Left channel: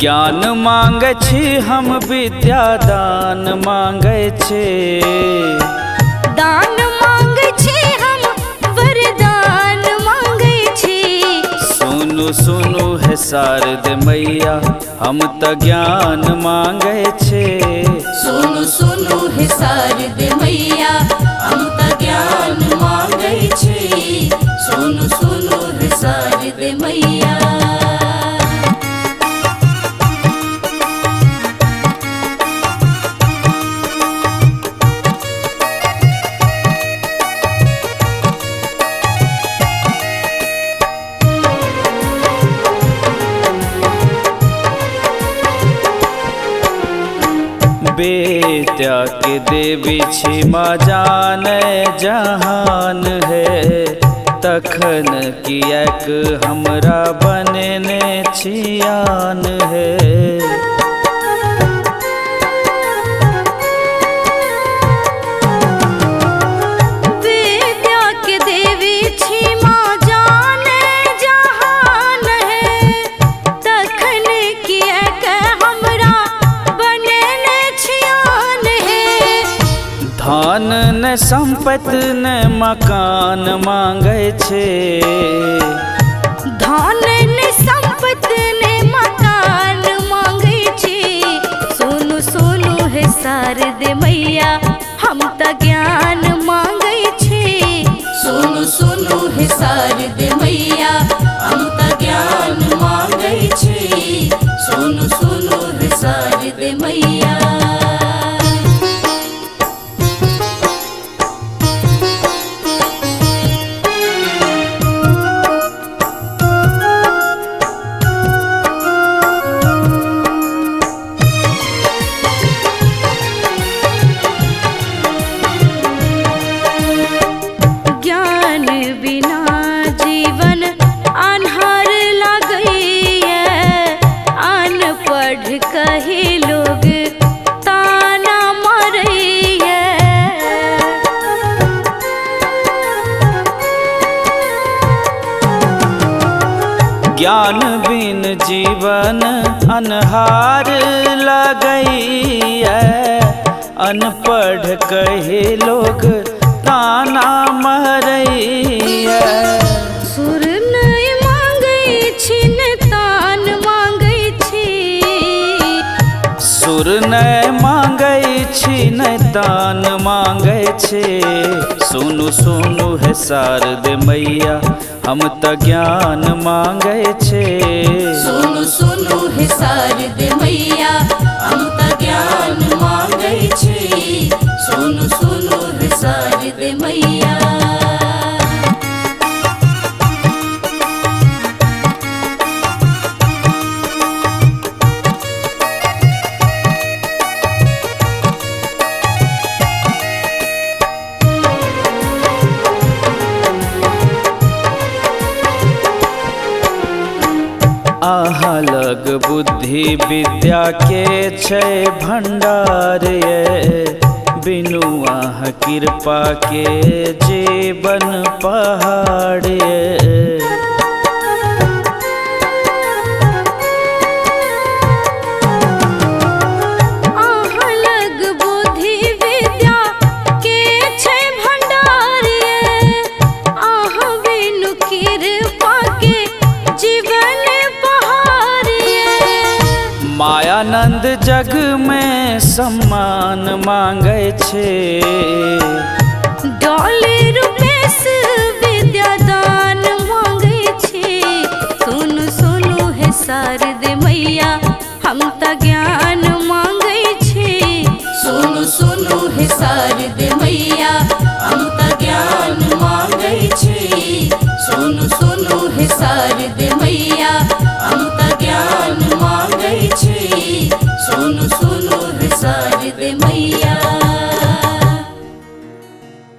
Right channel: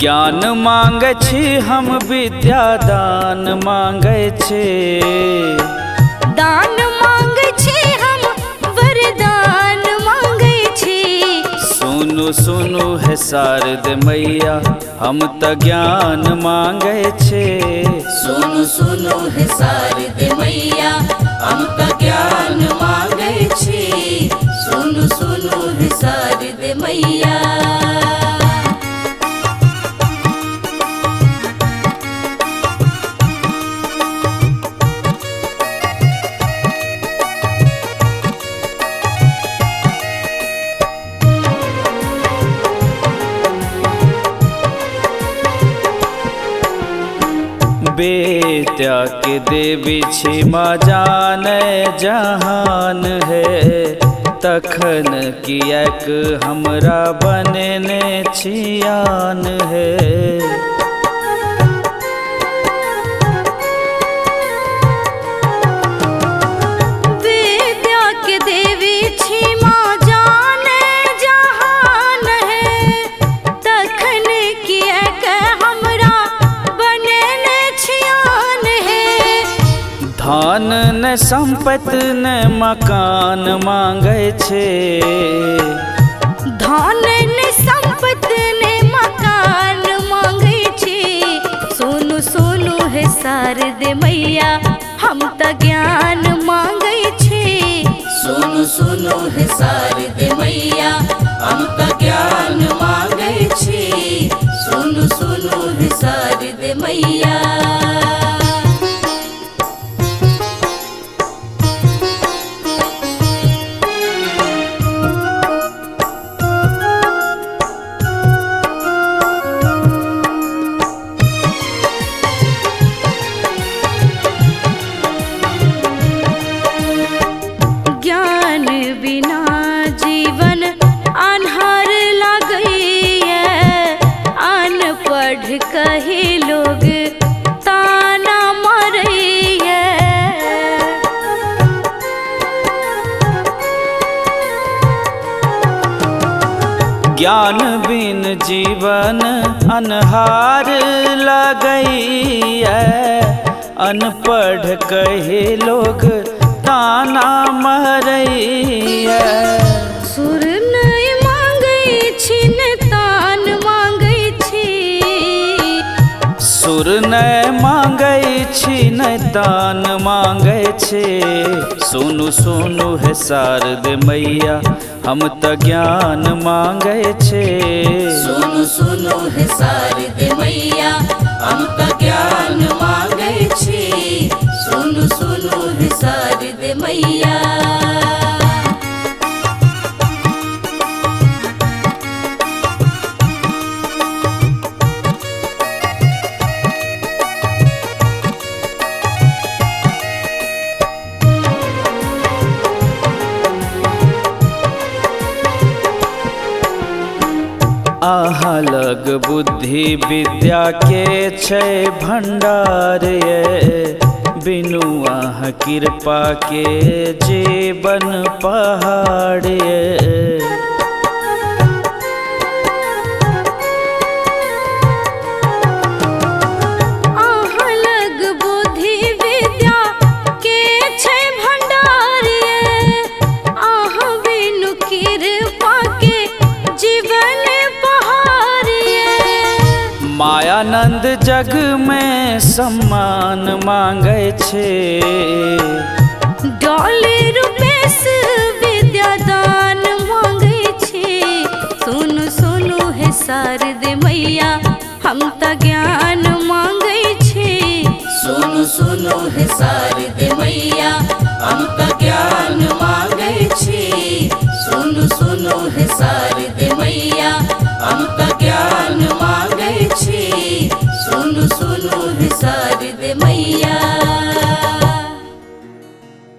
ज्ञान मांगे छी हम विद्या दान मांगे छी। दान मांगे छी हम वरदान मांगे छी। सुनु सुनु है शारदे मैया हम त ज्ञान मांगे छी। सुनु सुनु है शारदे मैया हम त ज्ञान मांगे छी। सुनु सुनु है शारदे मैया। बेत्या के देवी छी माँ जाने जहान है। तखन किएक हमरा बनेने छियान है। बेत्या के देवी छी माँ जाने जहान है। तखन किएक हमरा धन न संपत्ति न मकान मांगे छे। धन न संपत्ति न मकान मांगे छे। सुनु सुनु है शारदे मैया हम त ज्ञान मांगे छे। सुनु सुनु है शारदे मैया हम त ज्ञान मांगे छे। सुनु सुनु है शारदे मैया। बिना जीवन अन्हार लगैया। अनपढ़ कहे लोग ताना मारैया। ज्ञान बिन जीवन अन्हार लगैया। अनपढ़ कहे लोग ताना मारैया। सुर नहीं मांगे छी न तान मांगे छी। सुर नहीं मांगे छी न तान मांगे छी। सुनु सुनु है शारदे मैया हम त ज्ञान मांगे छी। सुनु सुनु है शारदे मैया हम त ज्ञान मांगे छी। सुनु सुनु है शारदे मैया। अहाँ लग बुद्धि विद्या के छै भंडार ये। बिनु अहाँ कृपा के जीवन पहाड़ ये। अहाँ लग बुद्धि विद्या के छै भंडार ये। अहाँ बिनु कृपा के जीवन पहाड़ ये। मायानंद जग में सम्मान मांगे छे। डॉले रुपेश विद्या दान मांगे छे। सुनु सुनु है शारदे मैया हम त ज्ञान